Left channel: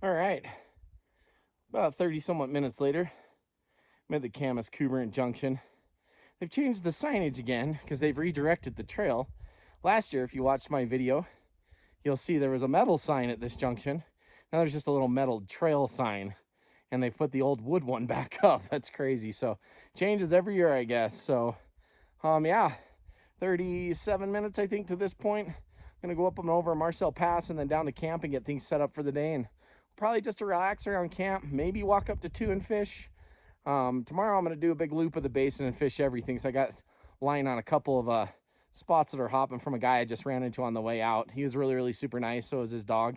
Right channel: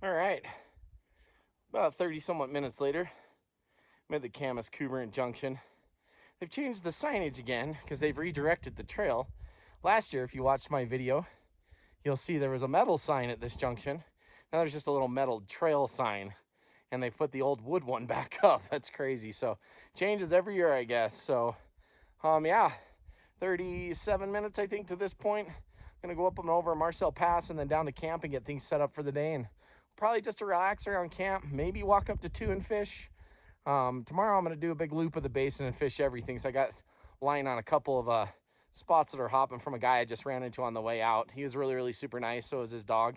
All right, about 30 somewhat minutes later, I'm at the Camas Cuberant Junction. They've changed the signage again because they've redirected the trail. Last year, if you watched my video, you'll see there was a metal sign at this junction. Now there's just a little metal trail sign, and they've put the old wood one back up. That's crazy. So changes every year, I guess. So, yeah, 37 minutes, I think, to this point. I'm gonna go up and over Marcel Pass and then down to camp and get things set up for the day, and probably just to relax around camp, maybe walk up to 2 and fish. Tomorrow I'm gonna do a big loop of the basin and fish everything. So I got line on a couple of spots that are hopping from a guy I just ran into on the way out. He was really super nice. So was his dog.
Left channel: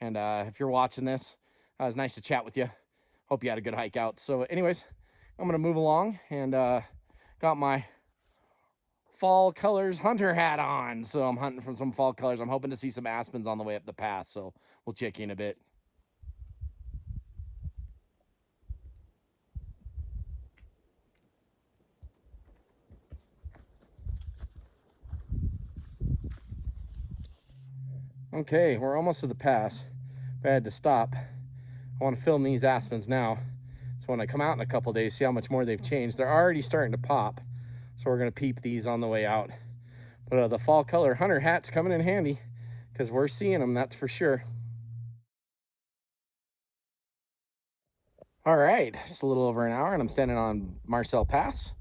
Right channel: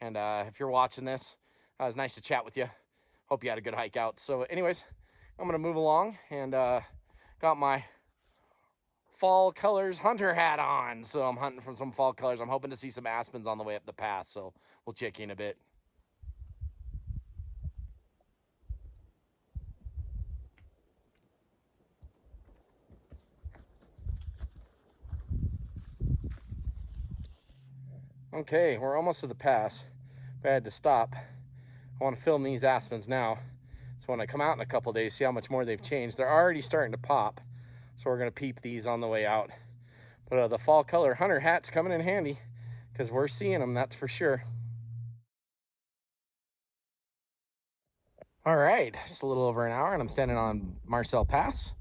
And if you're watching this, it was nice to chat with you. Hope you had a good hike out. So anyways, I'm gonna move along and got my fall colors hunter hat on. So I'm hunting from some fall colors. I'm hoping to see some aspens on the way up the pass. So we'll check in a bit. Okay, we're almost to the pass, but I had to stop. I want to film these aspens now. So when I come out in a couple days, see how much more they've changed. They're already starting to pop. So we're gonna peep these on the way out. But the fall color hunter hat's coming in handy because we're seeing them, that's for sure. All right, just a little over an hour and I'm standing on Marcel Pass.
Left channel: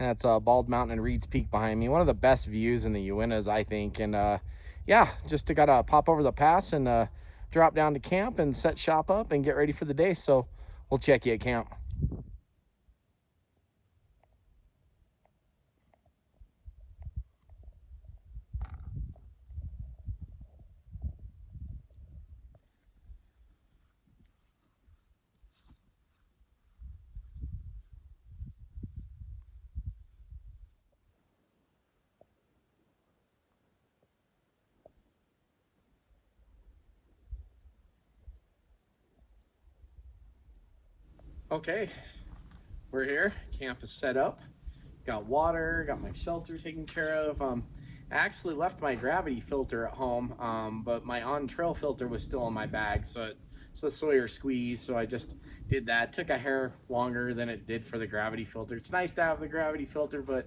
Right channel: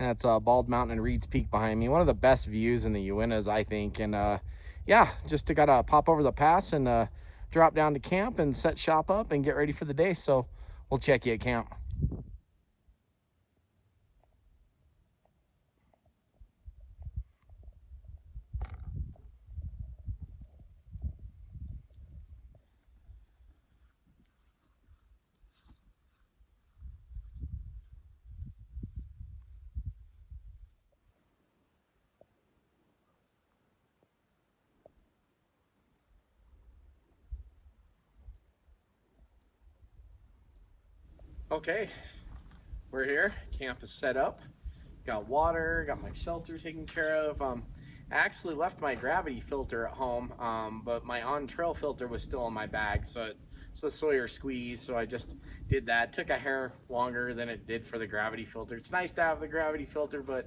And that's Bald Mountain and Reed's Peak behind me. One of the best views in the Uintas, I think. And yeah, just gotta pop over the pass and drop down to camp and set shop up and get ready for the day. So we'll check you at camp. Okay, we're here. Camp is set up. Got water, got my shelter taken care of. I actually left my gravity filter at home, but my on-trail filter was still in my bag, so it's a Sawyer squeeze, so I just did that. Took a hair longer than it did for the gravity filter. It's nice to have the gravity filter, but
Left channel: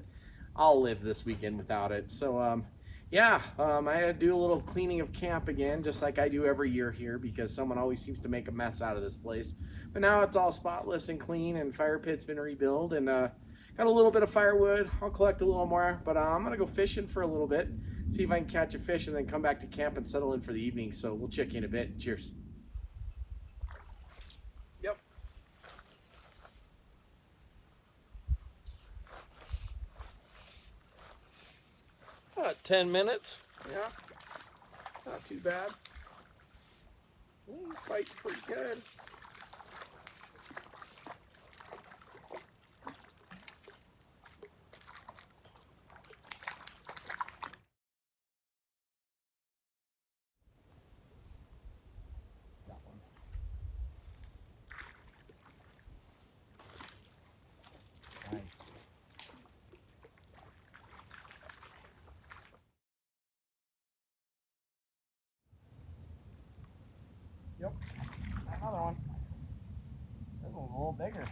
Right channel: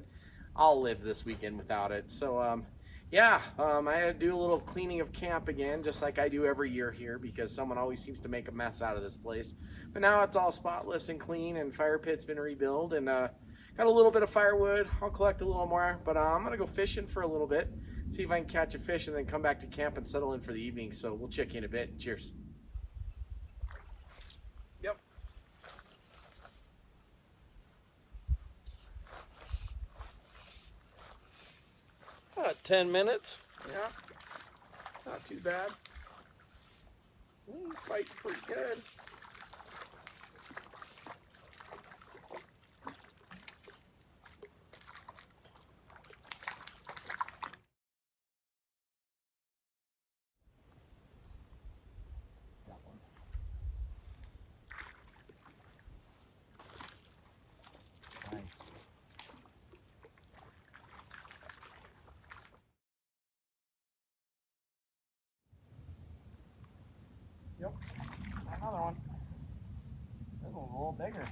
I'll live this weekend without it. So yeah, I had to do a little cleaning of camp again, just like I do every year here, because someone always seems to make a mess out of this place. But now it's all spotless and clean, and fire pit's been rebuilt, and got a little bit of firewood. I'll collect a little more, but I'm gonna go fishing for a little bit, see if I can catch a fish, and then come back to camp and settle in for the evening. So we'll check in a bit. Cheers. Yep. 10 minutes. Yeah, not too bad. Ooh, bite's pretty good. Nice. Yep, another one. This one's a little bigger.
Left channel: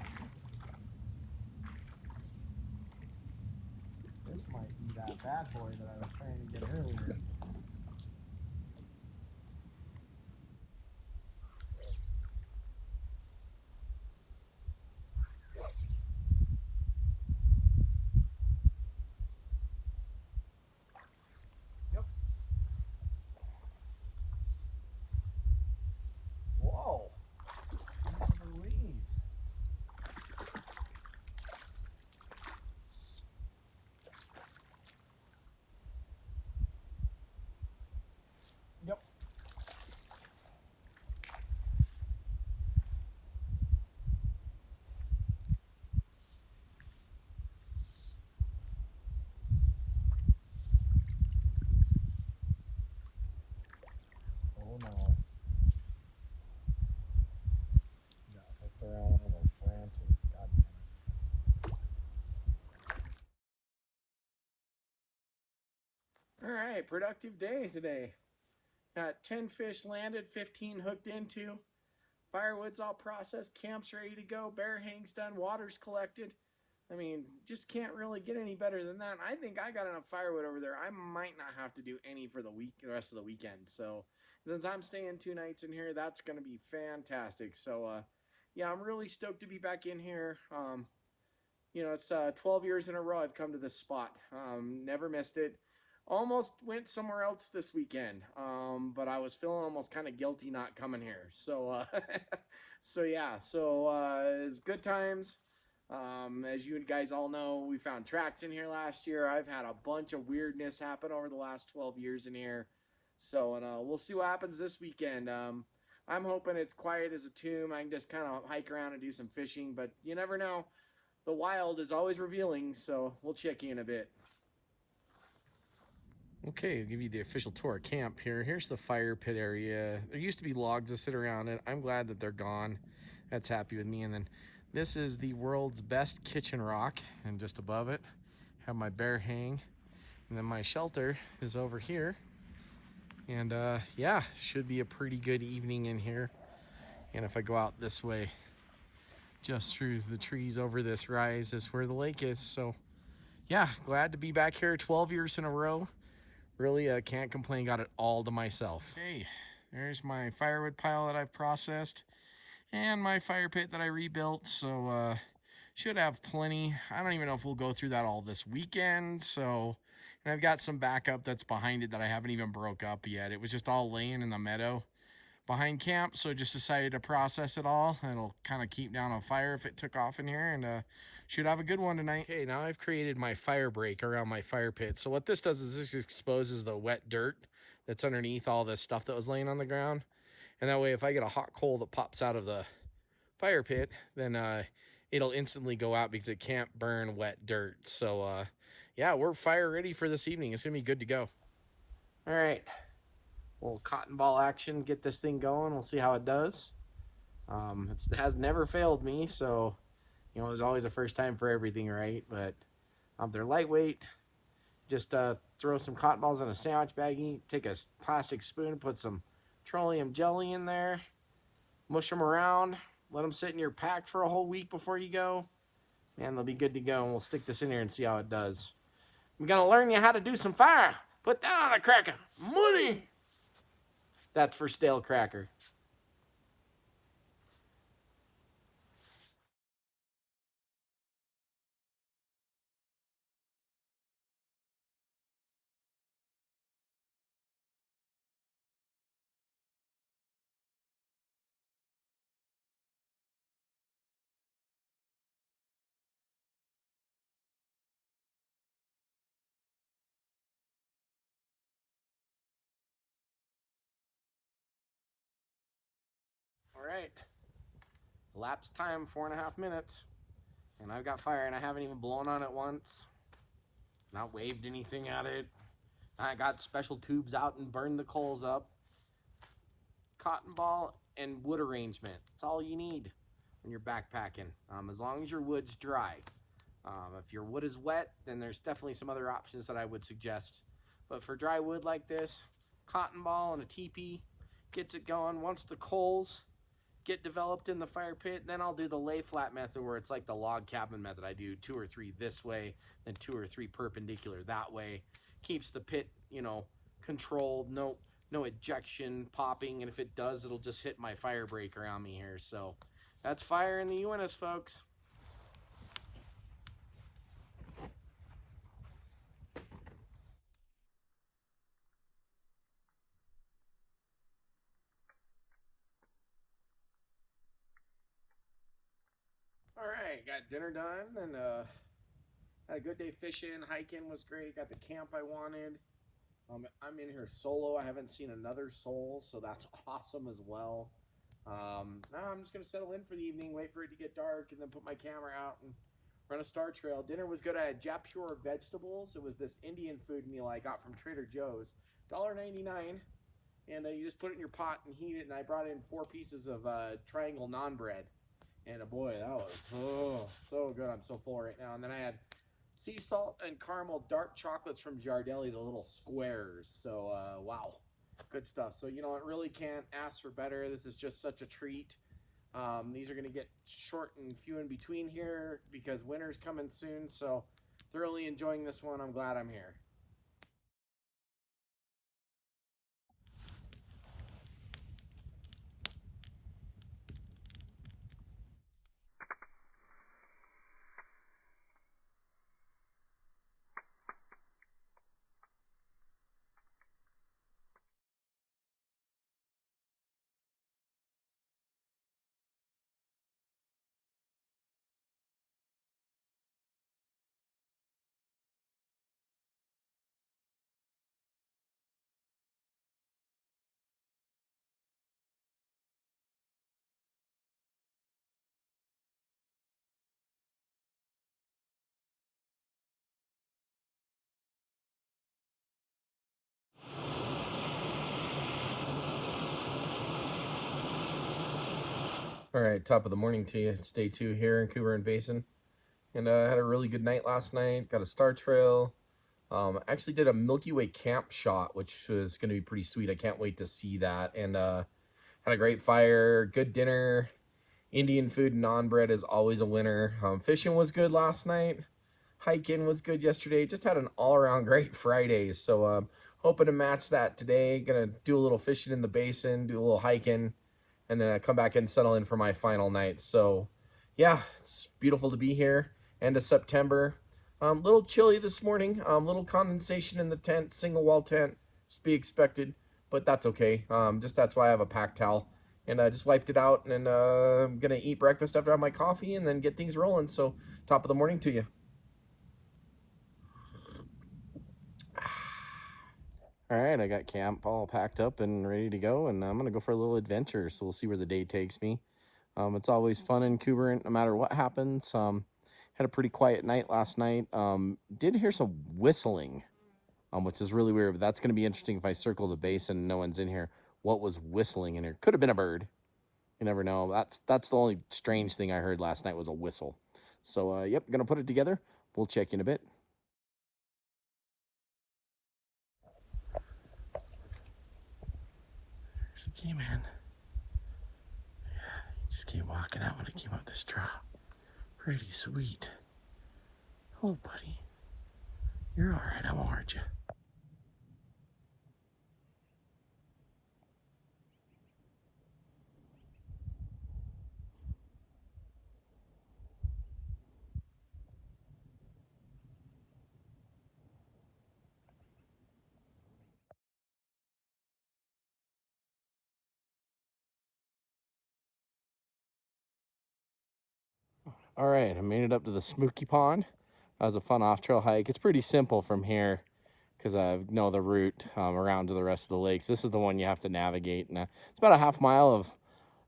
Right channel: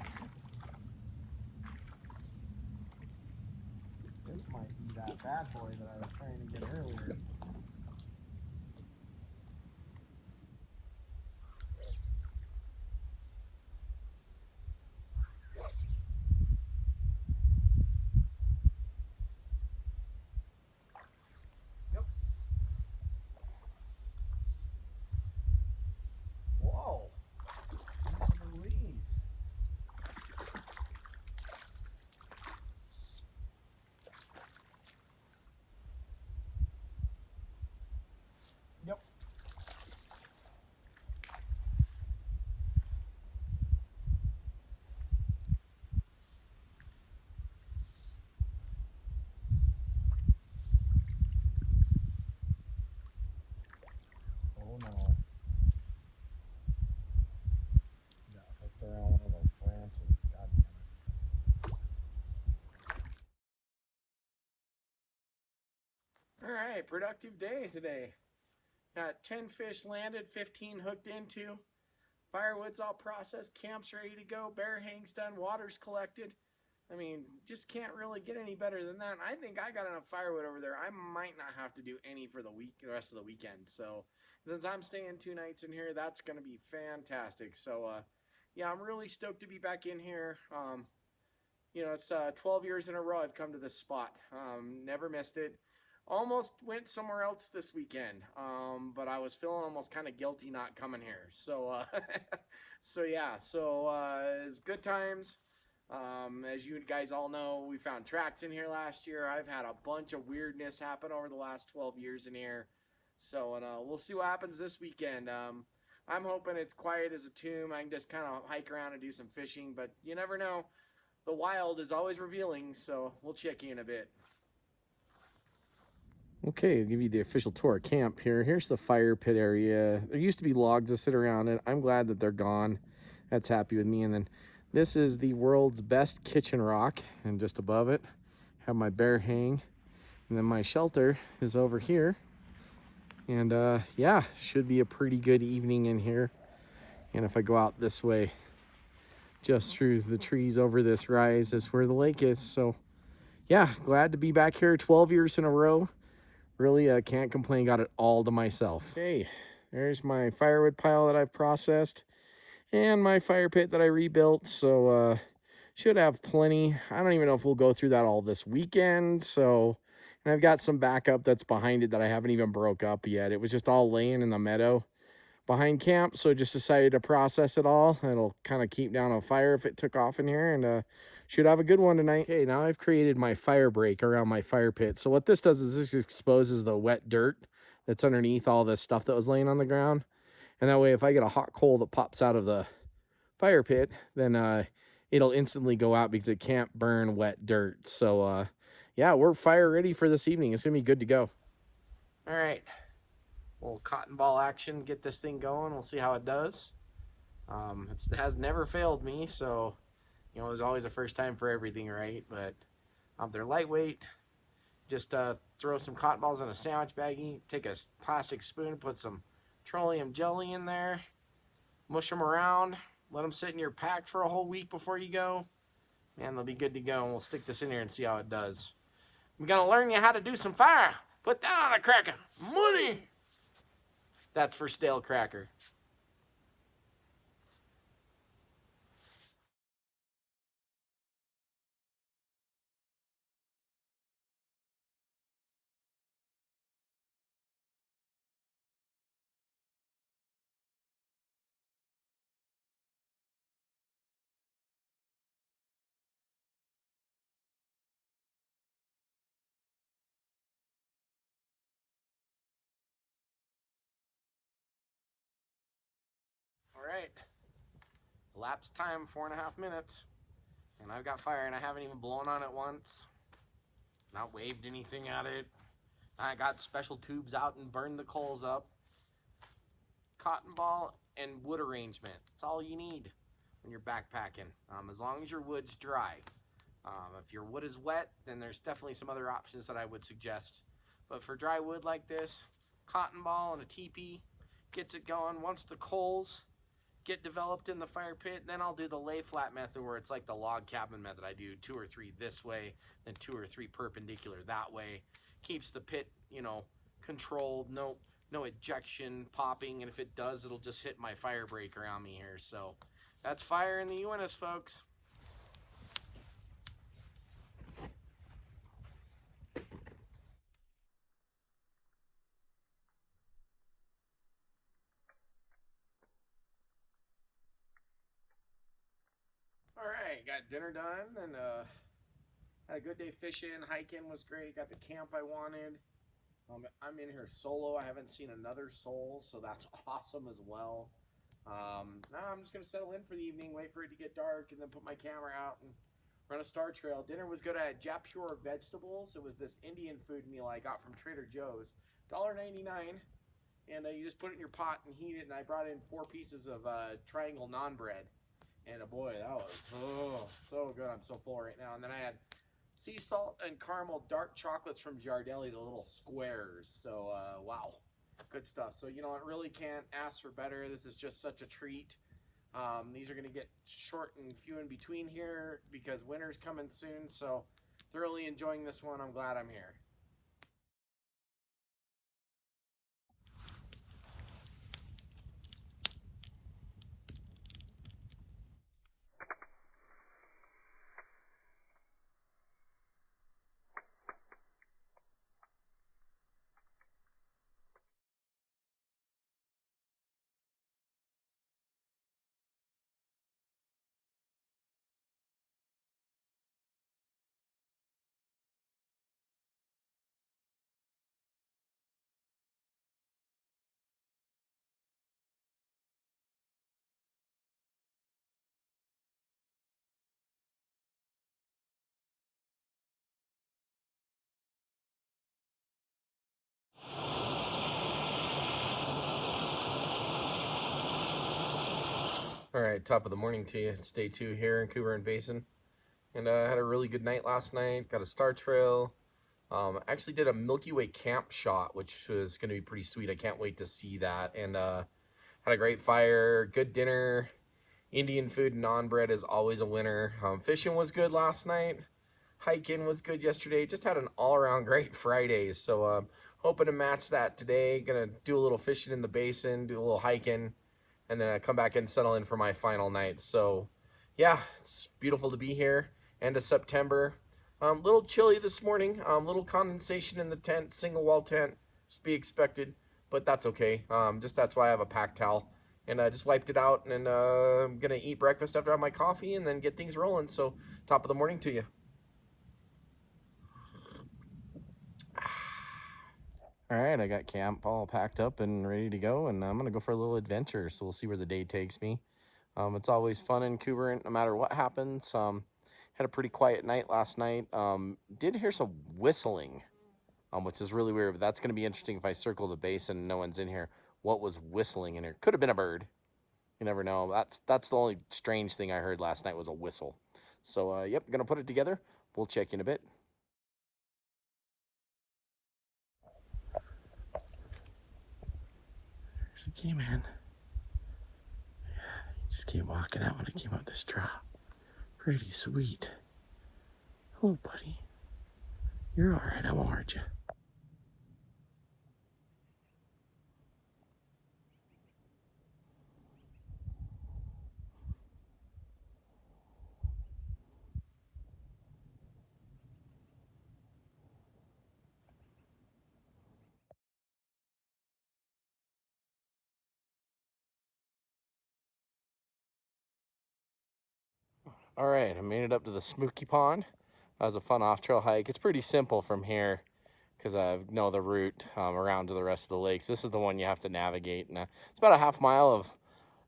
This might be that bad boy that I was trying to get earlier. Yep. Whoa. Jeez Louise. Yep. Oh no. Yeah, hooked around one of those branches. God damn it. All right, productive day today. Got 10 fish landed, 15 hooked into. Firewood's all processed, camp's ready to go, bear hang's done, water's collected. I mean, just can't really get any better than that. I think I got enough firewood over there. I might not have to do any for the rest of the weekend. So since I'm staying 2 nights in here, that's going to be fantastic. So yeah, I'm really stoked to be back in here. You know, it's 12 years in a row I've come to this spot. Never missed it. Almost went somewhere else this weekend, but I was feeling almost kind of guilty not coming here. So, so yeah, it's good times. As you guys all know, we found tracks in here last year. I've had a bunch of weirdness happen over the last 12 years in here. So, we'll see what happens this weekend. I'm hoping it's quiet as a tomb. I can just kind of hike around and do some fishing, but you never know. The wild is always revealing, so we'll check you in a bit. Okay, I'll give you the official tour of camp here. Here's the fire pit area. There used to be logs that sit around it. I'm glad that they're gone. That's happy with me. And then this is the world's best kitchen rock. And just above it, have my bear hang. And then my shelter is over here. And yeah, should be a pretty good evening in here. And if I go out this way, just through the trees over this rise is where the lake is. So yeah, glad to be back here 12 years in a row. Really can't complain, got it all to myself. Okay, there's my firewood pile that I've processed and my fire pit that I rebuilt. So should have plenty. I don't even know if we'll go through that all this weekend. So, and I've got some backup that's behind it that I haven't even broke up yet. It was just all laying in the meadow behind camp, so just decided to process it all. It'll kind of keep down a fire if it took off in here, and should have a good one tonight. Okay, now I've created my fire break around my fire pit. So what this does is this exposes the wet dirt that's underneath all this stuff that was laying on the ground. And that way, if I get a hot coal that pops out of the fire pit, then it'll instantly go out because it can't burn wet dirt. So yeah, we're fire ready for this evening. It's gonna be good to go. All right. Little cotton ball action, get this thing going. We'll see how it does. It has never failed me, so you know, there's always a first time for everything, right? But they're lightweight. Just throw some cotton balls in a sandwich baggie, take a plastic spoon, put some petroleum jelly in there, mush them around, let them sit in your pack for a whole week before you go, and they'll be good to go. And we'll stick this in here and see how it does. I'm gonna learn you how to do some fire. Put that on a cracker. Money! That's for stale cracker. All right. Elapsed time, 4.5 minutes. And I've got fire and I haven't even blown on it once. Not waved anything at it. I got special tubes out and burned the coals up. Cotton ball and wood arrangement. That's all you need when you're backpacking. As long as your wood's dry. If your wood is wet, then there's definitely some other options that I would suggest. But for dry wood like this, cotton ball and a teepee gets it going. Once the coals get developed in the fire pit, then I'll do the lay flat method where it's like the log cabin method. I do 2 or 3 this way, then 2 or 3 perpendicular that way. Keeps the pit, you know, controlled, no ejection popping, and if it does, it'll just hit my fire break around me here. So that's fire in the Uintas, folks. All right, got dinner done and had a good day fishing. Hiking was great. Got the camp I wanted. I'm in here solo. I haven't seen another soul, so that's awesome as well. Now I'm just gonna settle in for the evening, wait for it to get dark, and then put my camera out and run a star trail. Dinner was good. I had Japur vegetables. It was this Indian food meal I got from Trader Joe's. $1.99, and you just put it in your pot and heat it. And I brought in 4 pieces of triangle naan bread. And boy, that was so good. I'm so full right now. And then I had sea salt and caramel dark chocolates from Giardelli, the little squares. So wow, good stuff. So you know, it really can't ask for better. This is just such a treat. These are going to get short and few in between here because winter's coming soon. So thoroughly enjoying this one. I'm glad I'm here. All right, top of the morning to you. It's day 2 here in Cuberant Basin. And I had a really good night last night. Got a star trail. Actually did a Milky Way camp shot, which was going to be pretty sweet. I can't wait to see that. And had a great fire, good dinner. Indian food, non-bread is always a winner. Fishing was good last night. Hiking was good yesterday. Just had an all-around great Friday. So hoping to match that today. Gonna do a little fishing in the basin, do a little hiking, and then I come back and settle in for my final night. So yeah, it's beautiful to be here. End of September. Little chilly this morning. Little condensation in the tent, single wall tent, just be expected, but that's okay. Just that's why I have a pack towel, and I just wiped it out, and I'm gonna eat breakfast after I have my coffee, and then get things rolling. So top of the morning to you. All right, I got camp all packed up and ready to go, and I'm gonna go for a little adventure. So we'll see where the day takes me. It's always fun in Cuberant, no matter what happens. Had a pretty quiet night last night. Did hear some whistling, which is really weird, but that's going to be interesting if I circle the basin and no one's in here. What was whistling in here? Could have been a bird. You never know. That's the only strange thing I heard last night was a whistle. So, yep, going to put it together. We'll check in a bit. She came in. Just came walking out when I came up this drop. Pretty sweet. Oh, buddy. You're all right. I won't hurt you. All right, I made it up to the Smokey Pond. That was a fun off-trail hike. It's pretty simple from here because I know the route around to the rest of the lakes. This is the one you have to navigate. And it's about a half mile of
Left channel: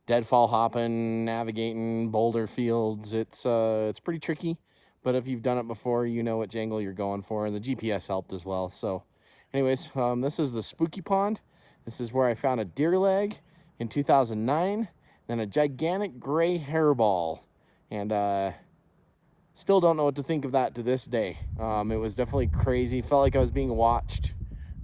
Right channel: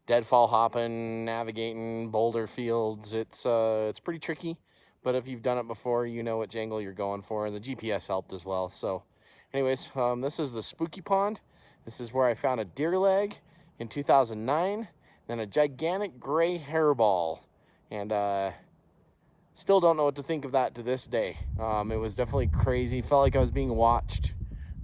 deadfall hopping, navigating boulder fields. It's pretty tricky, but if you've done it before, you know what jangle you're going for, and the GPS helped as well. So anyways, this is the Spooky Pond. This is where I found a deer leg in 2009, then a gigantic gray hairball. And still don't know what to think of that to this day. It was definitely crazy. Felt like I was being watched.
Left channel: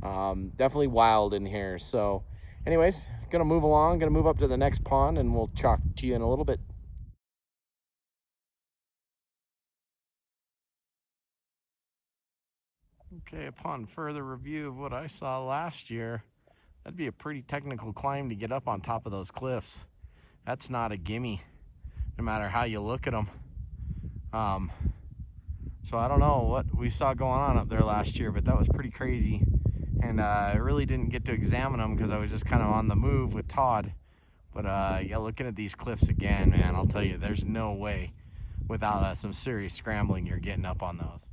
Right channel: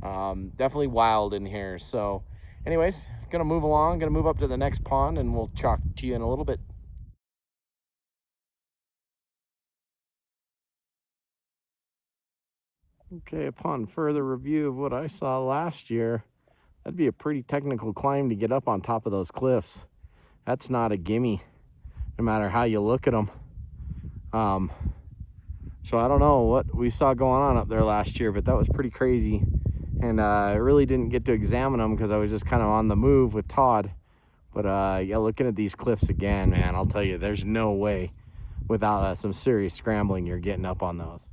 Definitely wild in here. So anyways, gonna move along, gonna move up to the next pond, and we'll talk to you in a little bit. Okay, upon further review of what I saw last year, that'd be a pretty technical climb to get up on top of those cliffs. That's not a gimme, no matter how you look at them. So I don't know what we saw going on up there last year, but that was pretty crazy. And I really didn't get to examine them because I was just kind of on the move with Todd. But yeah, looking at these cliffs again, man, I'll tell you, there's no way without some serious scrambling you're getting up on those.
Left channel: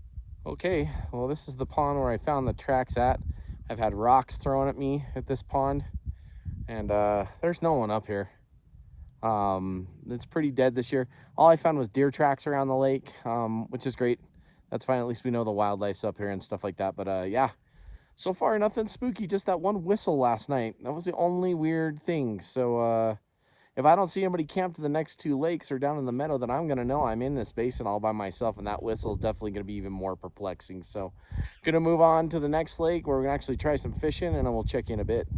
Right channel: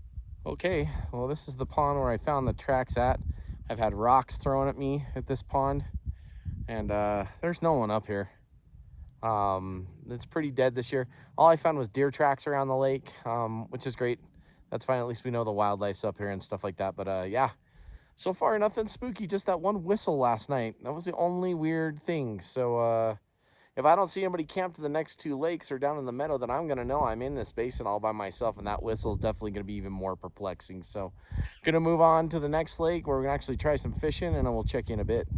Okay, well, this is the pond where I found the tracks at. I've had rocks thrown at me at this pond, and there's no one up here. It's pretty dead this year. All I found was deer tracks around the lake, which is great. That's fine. At least we know the wildlife's up here and stuff like that. But yeah, so far nothing spooky. Just that one whistle last night. That was the only weird thing. So if I don't see anybody camped to the next 2 lakes or down in the meadow, then I'm gonna know I'm in this basin all by myself, and that whistle is definitely gonna be even more perplexing. So gonna move on to the next lake where we're gonna actually try some fishing, and then we'll check in a bit.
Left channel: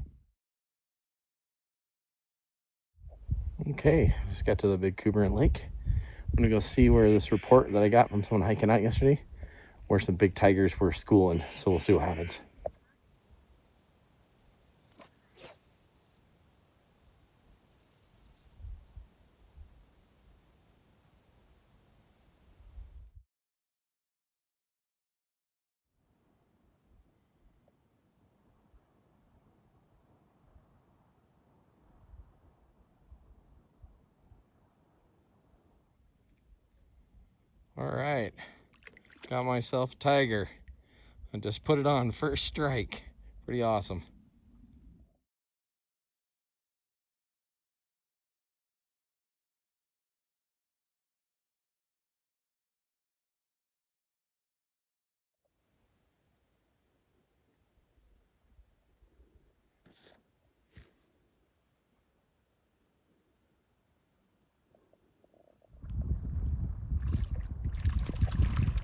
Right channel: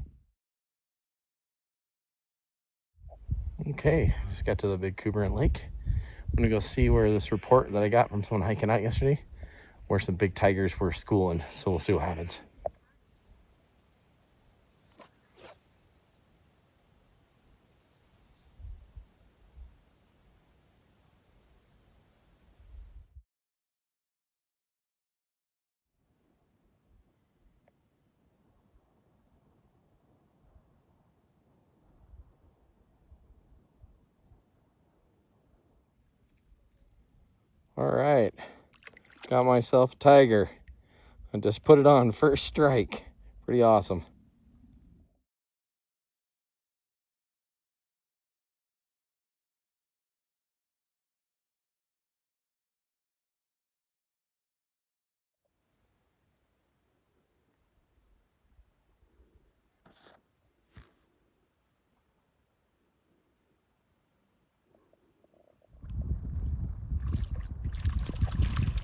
Okay, I just got to the big Cuberant Lake. I'm gonna go see where this report that I got from someone hiking out yesterday, where some big tigers were schooling. So we'll see what happens. All right, got myself a tiger. I just put it on first strike. Pretty awesome.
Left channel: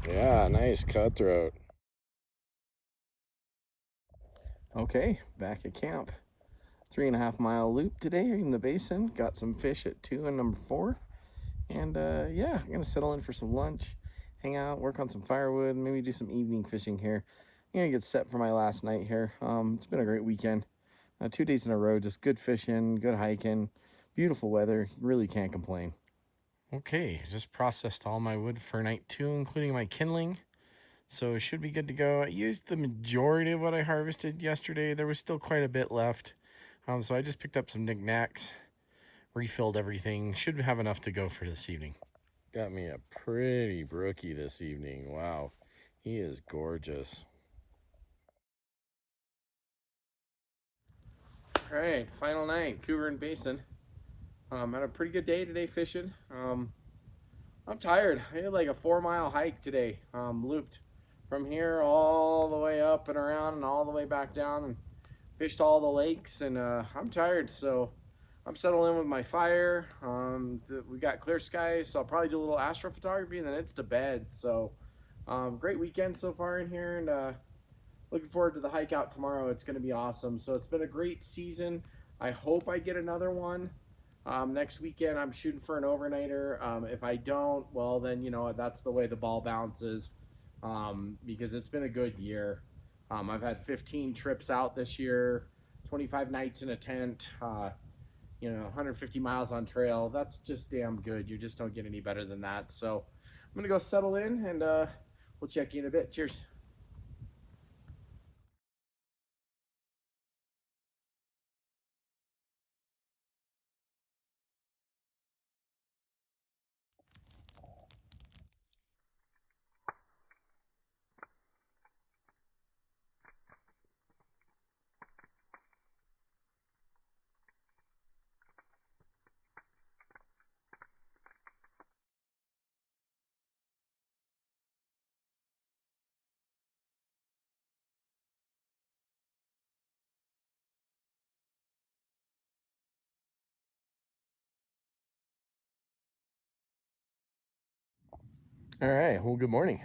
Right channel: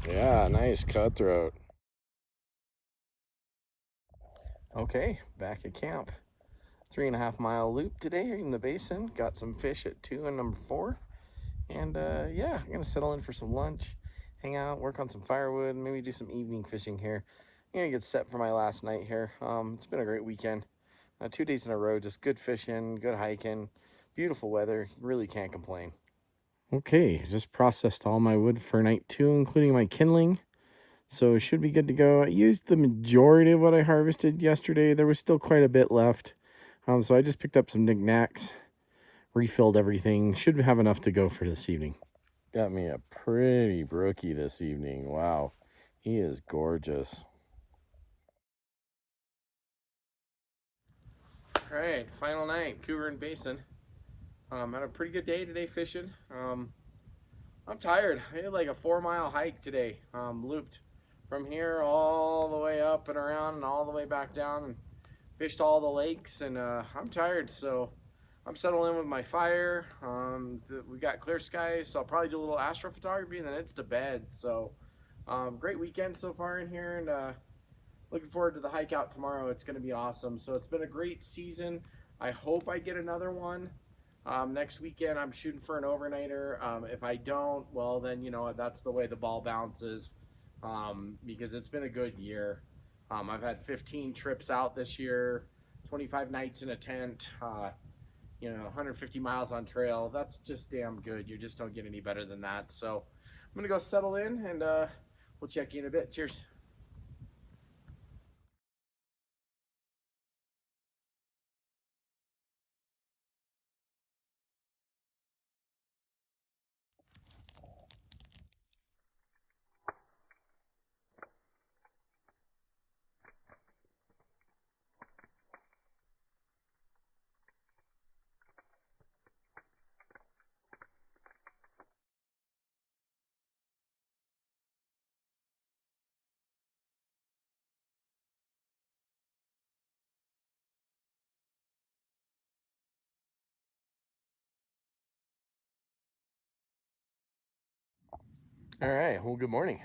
Yeah, nice cutthroat. Okay, back at camp. 3.5 mile loop today in the basin. Got some fish at 2 and number 4. And yeah, I'm gonna settle in for some lunch, hang out, work on some firewood, maybe do some evening fishing here. I'm gonna get set for my last night here. It's been a great weekend. 2 days in a row, just good fishing, good hiking, beautiful weather. Really can't complain. Okay, just processed all my wood for night 2, including my kindling. So it should be good to go. I used the majority of what I harvested yesterday. There was still quite a bit left. So I just picked up some knickknacks, refilled everything. Should have enough to go for this evening. Got me a pretty brookie this evening. Wow, he is gorgeous. All right, final night, Cuberant Basin. Had a pretty good day today fishing. I'm tired. I did like a 4 mile hike today. Looped from here all the way up and around and all the way back down and fished all the lakes. And I'm tired, so I'm settling in with my fire. We got clear skies, so I'll probably do a little astrophotography and then it's to bed. So great weekend so far in here, and looking forward to the hike out tomorrow. It's going to be awesome. So it's been a great season. I hope I get another one. Next weekend, I'm shooting for an overnighter. If I don't, well, then, you know, that's the way the ball bounces, because it's been a good year. I've had 15 trips out this year, 25 nights in a tent, 150 miles on trail. That's just damn good. You just don't get any better than that. So I'm going to go settle in, and we'll check you in a bit. Cheers. All right. Well, good morning.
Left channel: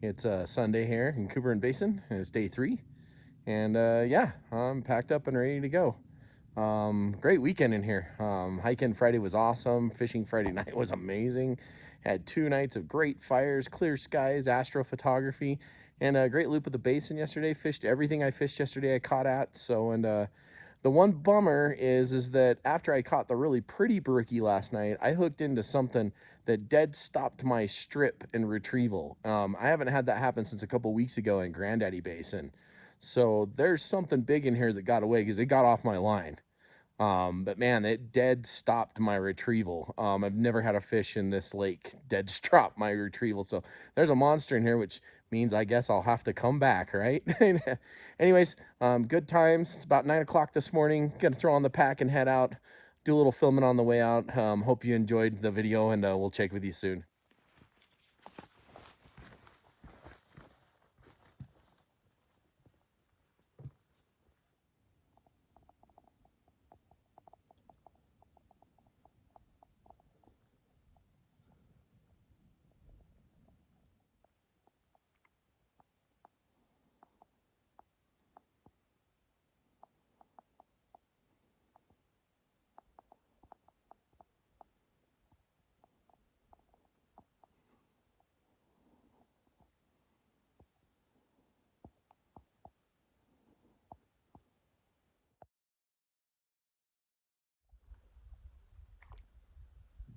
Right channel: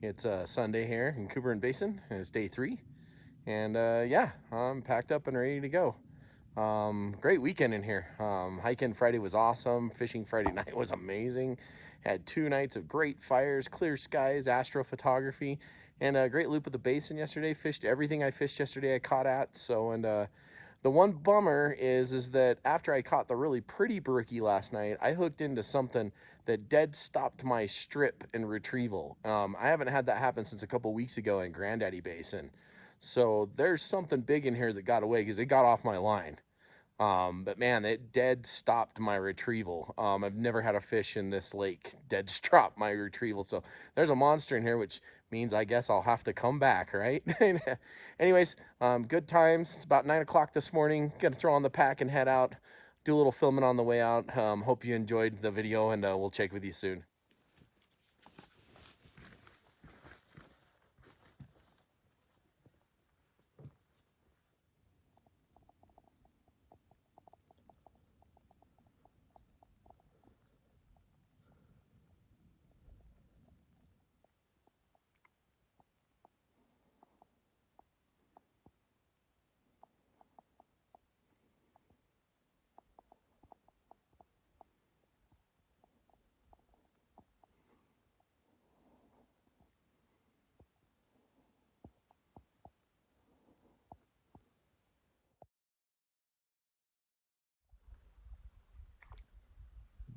It's Sunday here in Cuberant Basin, and it's day 3. And yeah, I'm packed up and ready to go. Great weekend in here. Hiking Friday was awesome. Fishing Friday night was amazing. Had 2 nights of great fires, clear skies, astrophotography, and a great loop at the basin yesterday. Fished everything I fished yesterday I caught at. So, and the one bummer is that after I caught the really pretty brookie last night, I hooked into something that dead stopped my strip and retrieval. I haven't had that happen since a couple weeks ago in Granddaddy Basin. So there's something big in here that got away because it got off my line. But man, it dead stopped my retrieval. I've never had a fish in this lake dead stop my retrieval. So there's a monster in here, which means I guess I'll have to come back, right? Anyways, good times. It's about 9 o'clock this morning. Gonna throw on the pack and head out. Do a little filming on the way out. Hope you enjoyed the video, and we'll check with you soon.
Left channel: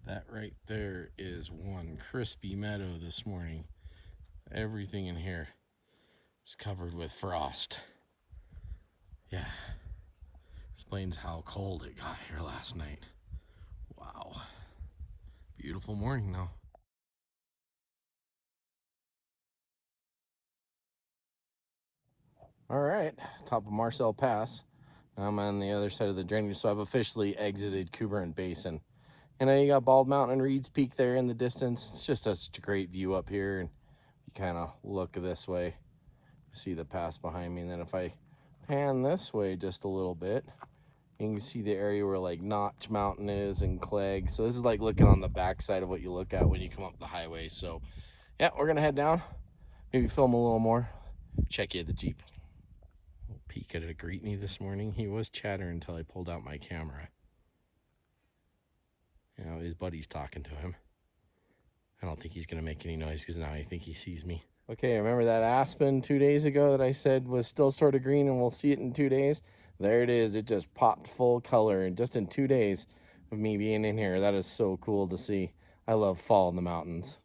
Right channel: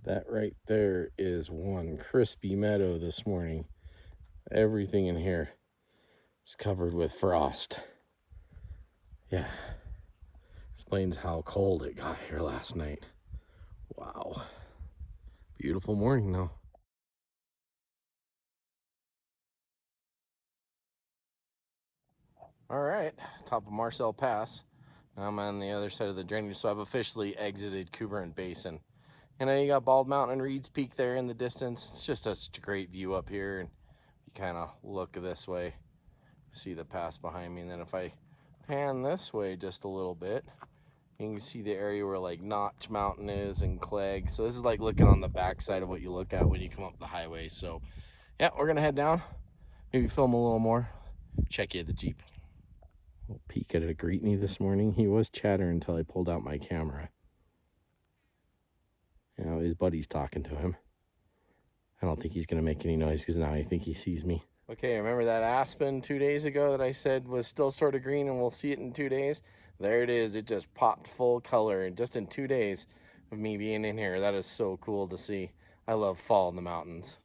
That right there is one crispy meadow this morning. Everything in here is covered with frost. Yeah, explains how cold it got here last night. Wow. Beautiful morning though. All right, top of Marcel Pass. I'm on the other side of the drainage, so I've officially exited Cuberant Basin. And then you got Bald Mountain and Reed's Peak there in the distance. It's just such a great view up here. And you kind of look this way, see the pass behind me. And then if I pan this way just a little bit, you can see the area where like Notch Mountain is and Clegg. So this is like looking on the backside of what you look at when you come up the highway. So yeah, we're gonna head down, maybe film a little more, check you at the Jeep. Little peek at a Greetney this morning. He was chattering until I pulled out my camera. You know, his buddy's talking to him. I don't think he's gonna make any noise because now I think he sees me. Okay, remember that aspen 2 days ago that I said was still sort of green and we'll see it in 2 days? There it is. It just popped full color and just in 2 days of me being in here. That is so cool to see. I love fall in the mountains.